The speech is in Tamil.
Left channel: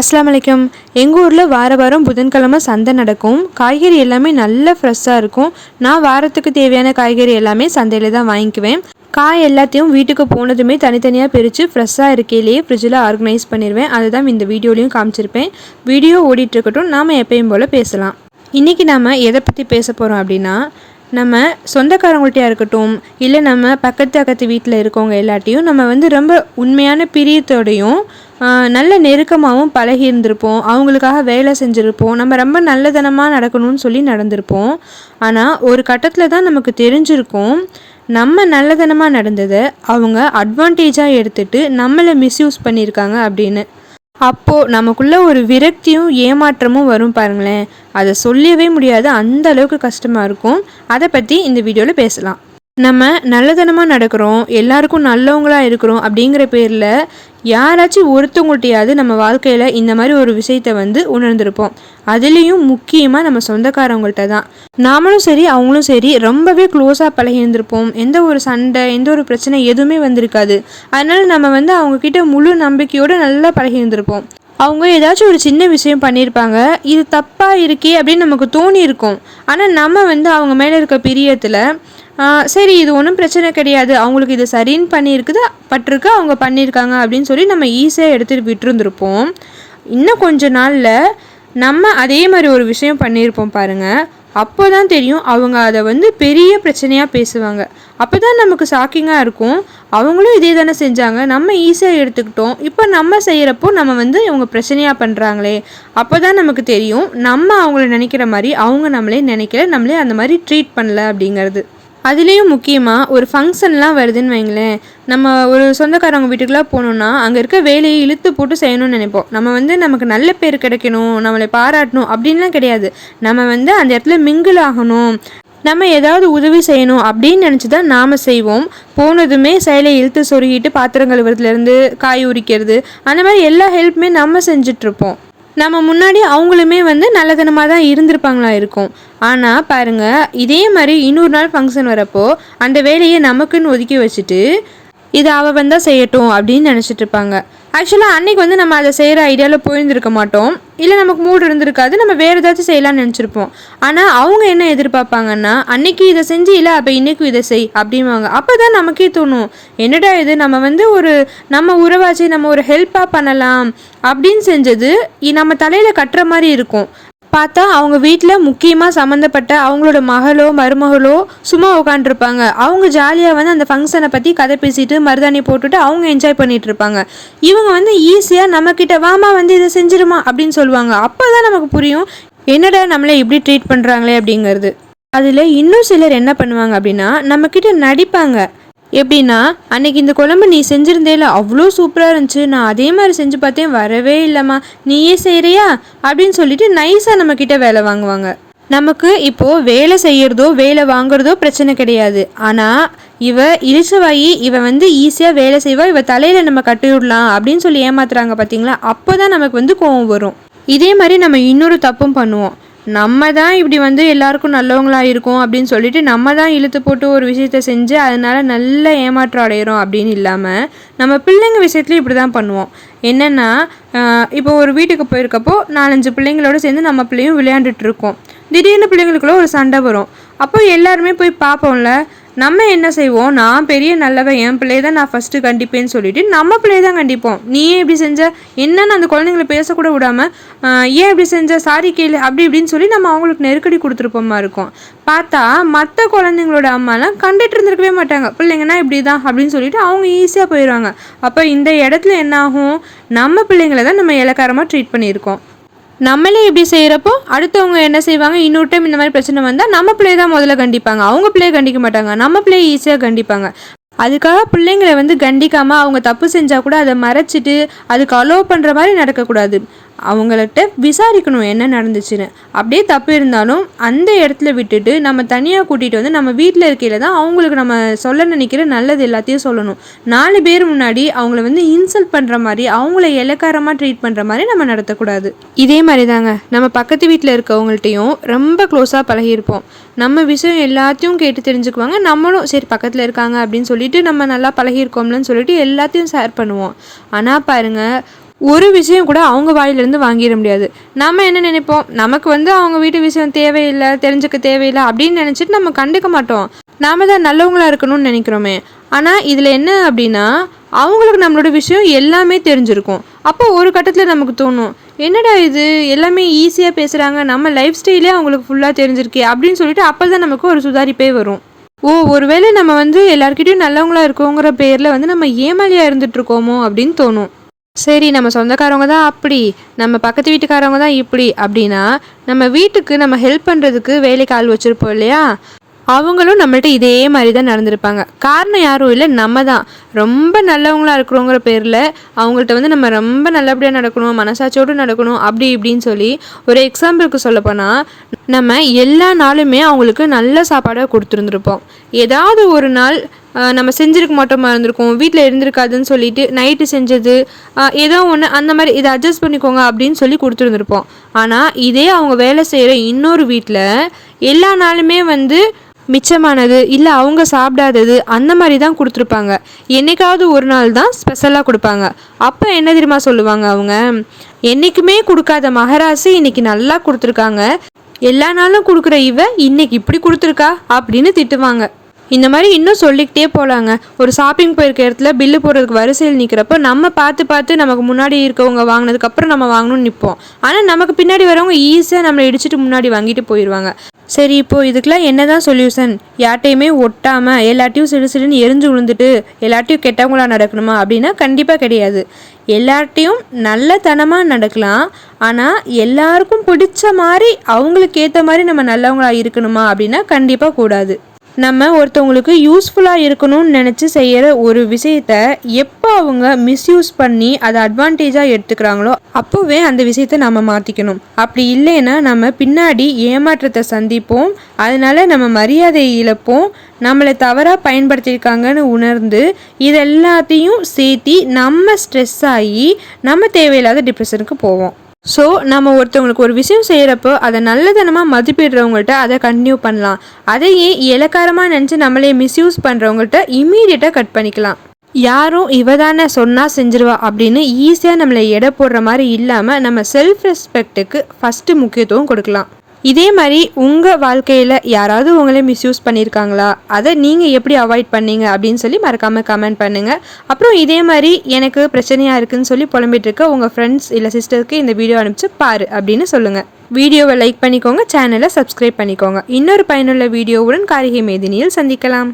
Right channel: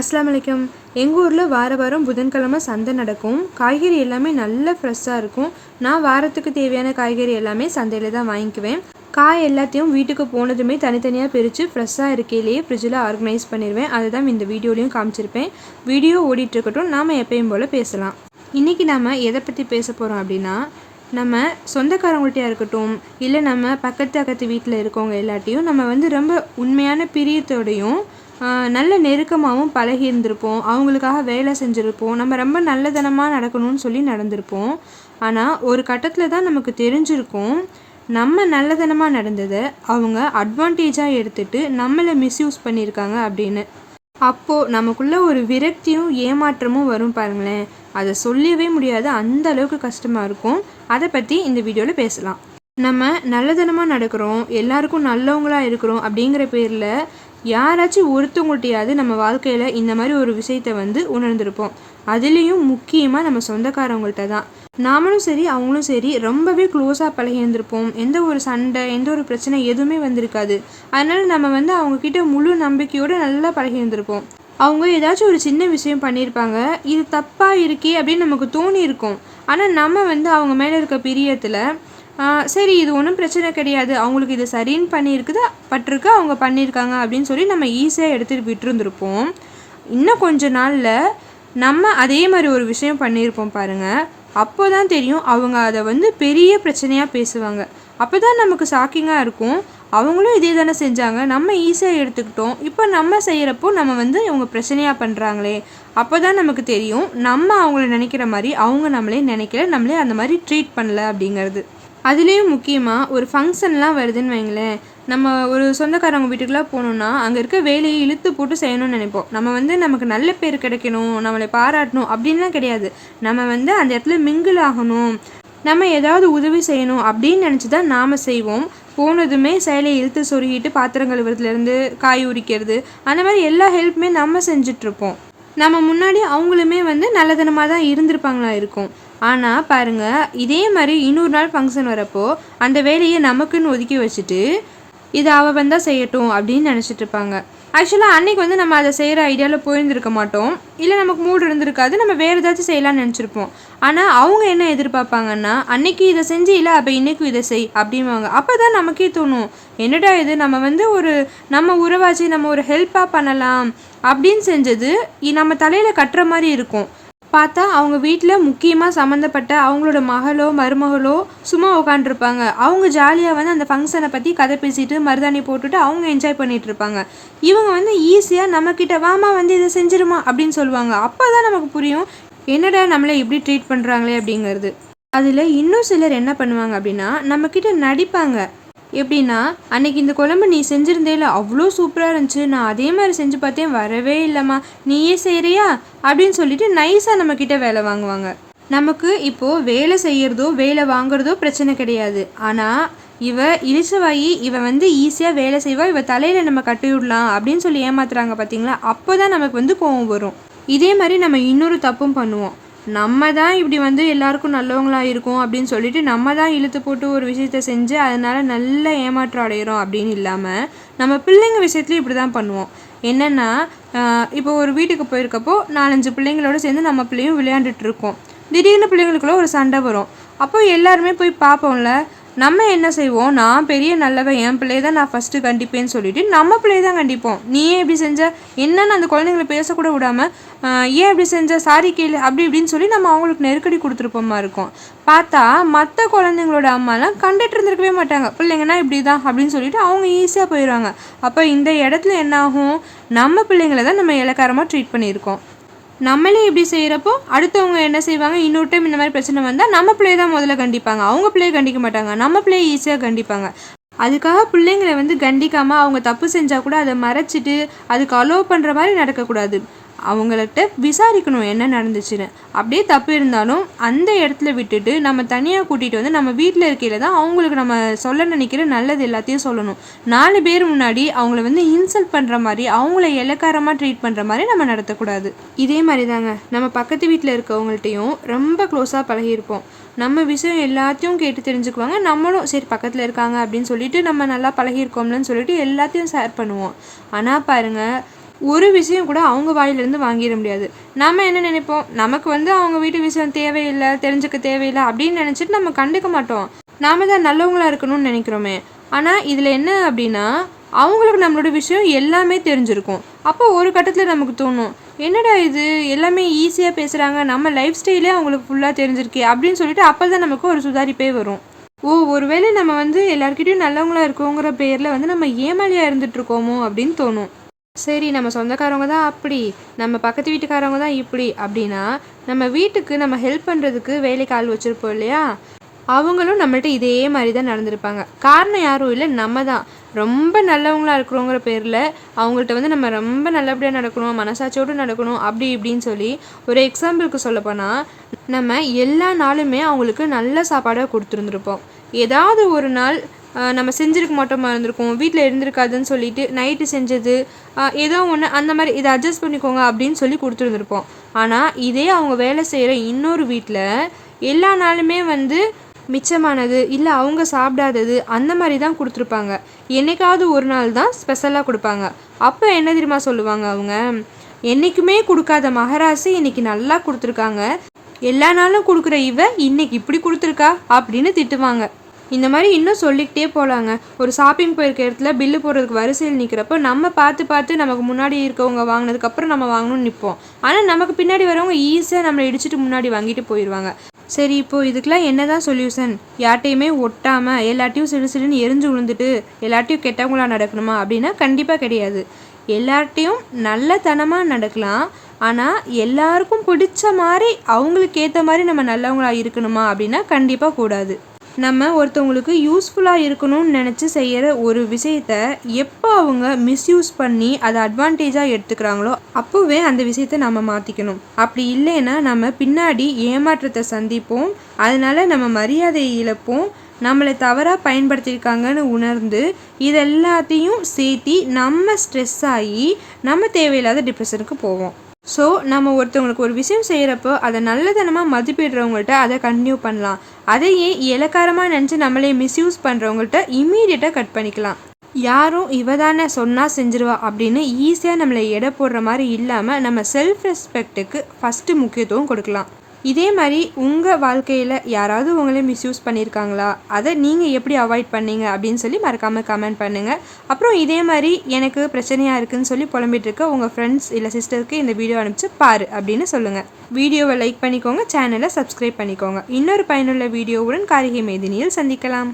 அஸ்லாம் வலைக்கம் எங்கள் ஊரில் வார வாரம் புதன்கிழமை சந்தை நடக்கும். காய்கறி எல்லாமே நல்ல ஃப்ரெஷ்ஷாக இருக்கும். நான் வாரத்துக்கு தேவையான காய்கறி எல்லாமே சந்தையில் தான் வாங்கிக்குவேன். காய் எல்லாத்தையும் வீட்டுக்கு போனதுமே தனித்தனியாக பிரித்து ஃப்ரெஷ்ஷாக இருக்கையிலேயே ஃப்ரிட்ஜில் ஆர்கனைஸ் பண்ணிடுவேன் அதுதான் இந்த வீடியோலையும் காமிச்சிருப்பேன். வீடியோ ஓடிட்டுருக்கட்டும் நாம் எப்பயும் போல் பேசலாம். இன்றைக்கி நாம் எதை பற்றி பேச போகிறோம் அப்படின்னா நம்ம சொந்தக்காரங்கள்ட்டையாக இருக்கட்டும் இல்லை நம்ம பக்கத்து அக்கத்து வீட்டில் இருக்கவங்க எல்லாட்டையும் நம்ம வந்து ரொம்ப உண்மையான பிரியத்தோடையும் நல்ல நெருக்கமாகவும் பழகி இருந்திருப்போம். அவங்களுக்காக வேலை செஞ்சுருப்போம். நம்ம ரொம்ப நல்லதனமாக நடக்கணும்னு சொல்லி நடந்திருப்போம். ஆனால் ஒரு கட்டத்தில் தான் நமக்கு தெரிஞ்சிருக்கும் நம்ம நல்லதனமாக நடந்ததை அவங்க அட்வான்டேஜாக எடுத்துட்டு நம்மளை மிஸ்யூஸ் பண்ணியிருக்காங்க அப்படின்னு. அப்போது நமக்குள்ள ஒரு விரக்தியும் ஏமாற்றமும் வரும் பாருங்களேன். அதை சொல்லவே முடியாது. அந்த அளவுக்கு கஷ்டமாக இருக்கும். அதை பற்றி இந்த வீடியோவில் பேசலாம். நம்ம நல்லதனமாக நடக்கிறோம் எல்லாருக்கும் நல்லவங்களாக இருக்கிறோம் அப்படிங்கிற பேரில் யாராச்சும் ஒருத்தவங்கள்ட்டையாவது நம்ம வாழ்க்கையில் இந்த மாதிரி ஒரு விஷயத்தை வந்து உணர்ந்திருப்போம். அதுலேயும் முக்கியமாக நம்ம சொந்தக்காரவங்கள்ட்ட தான். நாமளும் சரி அவங்களும் சரி ரொம்பவே க்ளோஸாக பழகியிருந்திருப்போம். எந்த ஒரு சண்டை எந்த ஒரு பிரச்சனை எதுவுமே வந்திருக்காது. அதனால் நம்ம வந்து அவங்கக்கிட்ட முழு நம்பிக்கையோடு நல்லா பழகியிருந்திருப்போம். அவங்க ஏதாச்சும் ஒரு சின்ன விஷயம் பண்ணியிருப்பாங்க இது தப்பாக இருக்கே அப்படின்னு நமக்கு தோணி இருக்கும் ஆனால் நம்ம வந்து அவங்க மேலே இருக்க பிரியத்தில் சரி இது ஒன்றும் பிரச்சனை கிடையாது. அவங்களுக்கு இது சரின்னு பண்ணியிருக்குது? பட்டிருக்கு? அவங்க பண்ணியிருக்காங்க அப்படின்னு சொல்லி நம்ம ஈஸியாக எடுத்துகிட்டு விட்டுருந்துருப்போம். இன்னும் கொஞ்ச நாளில் நம்ம அதே மாதிரி ஒரு விஷயம் பண்ணியிருப்போம் பாருங்கள் அப்போ தான் தெரியும் அவங்க அதை வந்து பெரிய பிரச்சனையாக பேசுவாங்க. அப்போ தான் நமக்கு ஷாக்கிங்காக இருக்கும். அவங்களும் இதே தானே செஞ்சாங்க. நம்ம ஈஸியாக எடுத்துக்கிட்டோம். இப்போ நம்ம செய்கிறப்போ நம்ம வந்து இவங்க பிரச்சனையாக பண்ணுறாங்களே அப்போ தான் நமக்கு தெரியும். நம்ம அவங்கள நினைக்கிற மாதிரி அவங்க நம்மளே நினைக்கல. நம்மளே அந்த மாதிரி ட்ரீட் பண்ணல அப்படிங்கிறது. அதுலேயும் முக்கியமாக ஒரு ஃபங்க்ஷன்லாம் வருதுன்னு வைங்களேன். நம்ம ஒரு சொந்தக்காரவங்க வீட்டுக்குலாம் போனோம்னா அங்கே இருக்க வேலையை இழுத்து போட்டு செய்யணும்னு நினைப்போம். நம்ம வந்து நமக்கு நல்ல பேர் கிடைக்கணும் நம்மளை பாராட்டணும் அப்படின்லாம் கிடையாது. நம்ம வந்து அந்த இடத்துல மிங்கிள் ஆகணும். நம்ம ஏதாவது உதவி செய்யணும் அப்படின்னு நினச்சி தான் நாம் செய்வோம். போனதுமே செயலை இழுத்து சொருகிட்டு பாத்திரம் கழுவுறதுலேருந்து காய் உரிக்கிறது அந்த மாதிரி எல்லா ஹெல்ப்புமே நம்ம செஞ்சிட்ருப்போம் நம்ம முன்னாடி அவங்களுமே வந்து நல்லதனமாக தான் இருந்திருப்பாங்களா இருக்கும். ஆனால் பாருங்க இதே மாதிரி இன்னொரு நாள் ஃபங்க்ஷன் வரப்போ அந்த வேலையை நமக்குன்னு ஒதுக்கி வச்சுட்டு இதை அவள் வந்தால் செய்யட்டும் அப்படின்னு நினச்சிட்டு இருப்பாங்க. ஆக்சுவலாக அன்னைக்கு வந்து நம்ம அதை செய்கிற ஐடியாவில் போயிருந்துருக்க மாட்டோம். இல்லை நமக்கு மூடு இருந்திருக்காது. நம்ம வேறு ஏதாச்சும் செய்யலாம்னு நினச்சிருப்போம். ஆனால் அவங்க என்ன எதிர்பார்ப்பாங்கன்னா அன்னைக்கு இதை செஞ்சு இல்லை அப்போ இன்னைக்கும் இதை செய் அப்படிம்பாங்க. அப்போ தான் நமக்கே தோணும் என்னடா இது நம்ம வந்து ஒரு நம்ம உறவாச்சு நம்ம ஒரு ஹெல்ப்பாக பண்ணலாம் அப்படின்னு செஞ்சது நம்ம தலையில் கட்டுற மாதிரி இருக்கும். பார்த்தா அவங்க வீட்டில் முக்கியமாக சம்மந்தப்பட்ட அவங்களோட மகளோ மருமகளோ சும்மா உட்காந்துருப்பாங்க அவங்க ஜாலியாக வந்து அந்த ஃபங்க்ஷனை பற்றி கதை பேசிட்டு மருதாணி போட்டுட்டு அவங்க என்ஜாய் பண்ணிட்டு இருப்பாங்க இவங்க வந்து ஈஸியாக நம்மக்கிட்ட வாமா வந்து இதை செஞ்சிருமா? அப்படின்னு சொல்லுவாங்க. அப்போ தான் நமக்கு புரியும் என்னடா நம்மளை இப்படி ட்ரீட் பண்ணுறாங்களே அப்படிங்கிறது. அதில் இன்னும் சிலர் என்ன பண்ணுவாங்க அப்படின்னா நம்மக்கிட்ட நடிப்பாங்க. எப்படின்னா அன்னைக்கு இந்த குழம்பு நீ செஞ்சிருந்தேல அவ்வளோ சூப்பராக இருந்துச்சு. நான் அதே மாதிரி செஞ்சு பார்த்தேன் வரவே இல்லைம்மா. நீயே செய்கிறியா அப்படின்னு சொல்லிட்டு நைஸாக நம்மக்கிட்ட வேலை வாங்குவாங்க. நமக்கு இப்போது வேலை செய்கிறதோ வேலை வாங்குறதோ பிரச்சனை கிடையாது. ஆனால் இவ இழிச்சவாயி இவ வந்து ஈஸியாக வேலை செய்வா இவ தலையில் நம்ம கட்டி விடலாம் அப்படின்னு சொல்லி ஏமாத்துறாங்க பார்த்தீங்களா அப்போ தான் நமக்கு வந்து கோவம் வரும். இதே மாதிரி நம்ம இன்னொரு தப்பும் பண்ணுவோம். நம்ம தான் இப்படி வந்து எல்லாருக்கும் நல்லவங்களாக இருக்கோம் அப்படின்னு சொல்லிட்டு நம்ம தான் இழுத்து போட்டு ஒரு விஷயத்த செஞ்சு அதனால் நல்ல ஏமாற்றம் அடையிறோம் அப்படின்னு இல்லாமல் நம்ம பிள்ளைங்க விஷயத்துலையும் இப்படி தான் பண்ணுவோம். என்னென்னா இப்போ ஒரு வீட்டுக்கு போயிருக்கப்போ நாலஞ்சு பிள்ளைங்களோட சேர்ந்து நம்ம பிள்ளையும் விளையாண்டுட்டு இருக்கோம். திடீர்னு பிள்ளைங்களுக்குள்ள ஒரு சண்டை வரும். அப்போ எல்லாருமே போய் பார்ப்போம்ல நம்ம என்ன செய்வோம்? நான் பெரிய நல்லவன் என் பிள்ளைய தான் நான் ஃபஸ்ட்டு கண்டிப்பேன்னு சொல்லிட்டு நம்ம பிள்ளைய தான் கண்டிப்போம். நீயே இப்படி செஞ்ச? என்னன்னு அந்த குழந்தைங்களை பேசக்கூட விடாமல் ஏன் இப்படி செஞ்ச? சாரி கேளு அப்படி இப்படின்னு சொல்லி நம்ம அவங்களுக்கு நெருக்கடி கொடுத்துருப்போமா இருக்கும். பார்த்தா மற்ற குழந்தைங்களோட அம்மாலாம் கண்டுட்டு இருந்திருக்கவே மாட்டாங்க. பிள்ளைங்கன்னா இப்படி தான் அப்படின்னு சொல்லிட்டு அவங்க ஈஸியாக போயிடுவாங்க அப்போ இந்த இடத்துல என்ன ஆகும்? நம்ம பிள்ளைங்களை தான் நம்ம இலக்காரமாக ட்ரீட் பண்ணியிருக்கோம். நம்மளே இப்படி செய்கிறப்போ அடுத்தவங்க என்ன செய்வாங்க? இன்னொரு டைம் இந்த மாதிரி பிரச்சனை வந்தால் நம்ம பிள்ளை தான் முதல்ல கண்டிப்பாங்க. அவங்க பிள்ளையை கண்டிக்க மாட்டாங்க. நம்ம பிள்ளையை ஈஸியாக கண்டிப்பாங்க. அதுக்காக பிள்ளைங்களை வந்து கண்டிக்காமல் அவங்க தப்பு செஞ்சால் கூட அதை மறைச்சிட்டு அதுக்கு அலோவ் பண்ணுற மாதிரி நடக்கக்கூடாது. அவங்கள்ட்ட விசாரிக்கணும் என்ன நடந்துச்சுன்னு. அப்படியே தப்பு இருந்தாலும் அந்த இடத்துல விட்டுட்டு நம்ம தனியாக கூட்டிகிட்டு வந்து நம்ம வீட்டில் இருக்கையில் தான் அவங்களுக்கு நம்ம சொல்ல நினைக்கிற நல்லது எல்லாத்தையும் சொல்லணும். நாலு பேர் முன்னாடி அவங்கள வந்து இன்சல்ட் பண்ணுற மாதிரி அவங்கள இலக்காரமாக ட்ரீட் பண்ணுற மாதிரி நம்ம நடத்தக்கூடாது. இதே மாதிரி தாங்க நம்ம பக்கத்து வீட்டில் இருக்கவங்கள்ட்டையும் ரொம்ப க்ளோஸாக பழகியிருப்போம். நம்ம விஷயம் எல்லாத்தையும் கேட்டு தெரிஞ்சுக்குவாங்க. நம்மளும் சரி பக்கத்தில் இருக்காங்க அப்படின்னு சொல்லிட்டு நம்ம நல்லா பழகியிருக்கோம்லன்னு சொல்லிட்டு எல்லாத்தையும் ஷேர் பண்ணுவோம். ஆனால் பாருங்கள் ஒரு விஷயம் கூட அவங்க வாயிலிருந்து வாங்கிட முடியாது. நம்ம என்ன நினைப்போம்? நமக்கு வந்து அவங்க வீட்டு விஷயம் தேவையில்லை தெரிஞ்சுக்க தேவையில்லை அப்படின்னு நினச்சிட்டு நம்ம கண்டுக்க மாட்டோம். நாம தான் நல்லவங்களா இருக்கணும்னு நினைக்கிறோமே. ஆனால் இதில் என்ன அப்படின்னா அவங்களுக்கு நம்மளோட விஷயம் எல்லாமே தெரிஞ்சிருக்கும். அப்போ ஒரு கட்டத்தில் நமக்கு தோணும் என்னடா இது? எல்லாமே ஈஸியாக பேசுகிறாங்க நம்ம லைஃப் ஸ்டைலே அவங்களுக்கு ஃபுல்லாக தெரிஞ்சிருக்கே அப்படின்னு சொல்லிட்டு அப்போ தான் நமக்கு ஒரு சுதாரிப்பே வரும். ஓ ஒருவேளை நம்ம வந்து எல்லாருக்கிட்டையும் நல்லவங்களா இருக்கோங்கிற பேரில் வந்து நம்ம ஏமாலியாக இருந்துட்டு இருக்கோமோ அப்படின்னு தோணும். சரி நம்ம சொந்தக்காரவங்க தான் அப்படி நம்ம பக்கத்து வீட்டுக்காரவங்க தான் இப்படி அப்படின்னா நம்ம வீட்டுக்கு நம்ம ஹெல்ப் பண்ணுறதுக்கு வேலைக்கு ஆள் வச்சுருப்போம் இல்லையா? அவங்களும் நம்மள்ட்ட இதே மாதிரி தான் நடந்திருப்பாங்க. காரணம் யாரும் இல்லை நம்ம தான். ரொம்ப நல்லவங்களா இருக்கிறோங்கிற பேரில் அவங்கள்ட்ட வந்து நம்ம ரொம்ப நல்லபடியாக நடக்கணும் மனசாட்சியோடு நடக்கணும் அப்படி இப்படின்னு சொல்லி ஒரு எக்ஸாம்பிளுக்கு சொல்லப்போனால் நம்ம எல்லா நாளுமே அவங்களுக்கு நல்ல சாப்பாடாக கொடுத்துருந்துருப்போம். ஏதாவது ஒரு நாள் நம்ம செஞ்சிருக்க மாட்டோமா இருந்திருக்கோம் வீட்டில் இருந்திருக்காதுன்னு சொல்லிட்டு நைட்டு செஞ்சது ஏதோ ஒன்று அந்த மாதிரி இதை அட்ஜஸ்ட் பண்ணிக்கோங்க அப்படின்னு சொல்லி கொடுத்துருந்துருப்போம். ஆனால் இதே அவங்க வேலை செய்கிற இன்னொரு வீட்டில் எல்லா நாளுமே வந்து மிச்சமானது இல்லை அவங்க சாப்பிடாதது அந்த மாதிரி தான் கொடுத்துருப்பாங்க. என்னைக்காவது ஒரு நாள் தான் ஸ்பெஷலாக கொடுப்பாங்க. அப்போ என்ன தெரியுமா சொல்லுவாங்க அவங்க? என்றைக்குமே கொடுக்காத மகராசி இன்னைக்கு நல்லா கொடுத்துருக்காங்க. எல்லா நாளும் கொடுக்குற இவ இன்னைக்கு இப்படி கொடுத்துருக்கா அப்படின்னு திட்டுவாங்க. இந்த மாதிரி இன்னும் சொல்லிக்கிட்டே போகலாங்க ஒரு ஷாப்பிங் போயிருக்க இடத்துல பில்லு போடுறதுக்கு வரிசையில் நிற்கிறப்போ நம்ம பார்த்து பார்த்து நமக்கு முன்னாடி இருக்கவங்க வாங்கினதுக்கப்புறம் நம்ம வாங்கணும்னு நிற்போம் ஆனால் நமக்கு பின்னாடி வரவங்க ஈஸியாக நம்மளை இடிச்சிட்டு முன்னாடி வாங்கிட்டு போயிடுவாங்க சரி இப்போது இதுக்கெலாம் என்ன என்னதான் சொல்யூஷன் யார்ட்டையுமே ஒட்டாமல் எல்லாட்டையும் சிறு சிறுன்னு எரிஞ்சு விழுந்துட்டு எல்லாட்டையும் கெட்டவங்களா நடக்கணுமா அப்படின்னா கண்டிப்பாக கிடையாது. எல்லார்ட்டையும் நல்லத்தனமாக நடக்கலாம். ஆனால் எல்லாருக்கும் பிடிச்ச மாதிரி அவங்களுக்கு ஏற்ற மாதிரி நம்ம நல்லவங்களாக இருக்கணுமா அப்படின்னா கண்டிப்பாக கூடாது. நம்ம ஒருத்தவங்களுக்கு யூஸ்ஃபுல்லாக இருக்கணும்னு நினச்சி செய்கிற ஒரு விஷயத்த எப்போ அவங்க மிஸ்யூஸ் பண்ணி அதை அட்வான்டேஜாக எடுத்துக்கிறாங்களோ அப்போவே அந்த விஷயத்த நம்ம மாற்றிக்கணும் அப்படி இல்லைன்னா நம்ம பின்னாடி ஏமாற்றத்தை சந்திப்போம். அதனால நம்ம மரியாதை இழப்போம். நம்மளை தவறாக பயன்படுத்தியிருக்காங்கன்னு உணர்ந்து இது எல்லாத்தையும் சேர்த்தி நம்ம ஸ்ட்ரெஸ் ஆகி நம்ம தேவையில்லாத டிப்ரெஷனுக்கு போவோம். ஸோ நம்ம ஒருத்தவங்களுக்கு ஒரு விஷயம் செய்கிறப்போ அதை நல்லதனமாக மதிப்பிடுறவங்கள்ட்ட அதை கண்டினியூ பண்ணலாம். அதையே இலக்காரமாக நினச்சி நம்மளே மிஸ்யூஸ் பண்ணுறவங்கள்ட்ட இம்மீடியட்டாக கட் பண்ணிக்கலாம். யாரும் இவ தானே சொன்னால் செஞ்சிருவா அப்படின்னு ஈஸியாக நம்மளை எடை போடுற மாதிரி இல்லாமல் நம்ம செல்ஃப் ரெஸ்பெக்ட்டுக்கு ஃபஸ்ட்டு முக்கியத்துவம் கொடுக்கலாம். இதே மாதிரி உங்கள் வாழ்க்கையில் யாராவது உங்களே மிஸ்யூஸ் பண்ணியிருக்காங்களா அதை நீங்கள் எப்படி அவாய்ட் பண்ணீங்க அப்படின்னு சொல்லி மறக்காமல் கமெண்ட் பண்ணுங்கள் அப்புறம் இதே மாதிரி எனக்கு பிரச்சனையாக இருக்குதுன்னு சொல்லி புலம்பிட்டு இருக்க உங்கள் ஃப்ரெண்ட்ஸ் இல்லை சிஸ்டருக்கு இந்த வீடியோ அனுப்பிச்சு பாரு அப்படின்னு சொல்லுங்கள் வீடியோவை லைக் பண்ணிக்கோங்க சேனலை சப்ஸ்கிரைப் பண்ணிக்கோங்க. இன்னொரு பயனுள்ள வீடியோவுடன் காரிகை மேதினியில் சந்திக்கலாம்.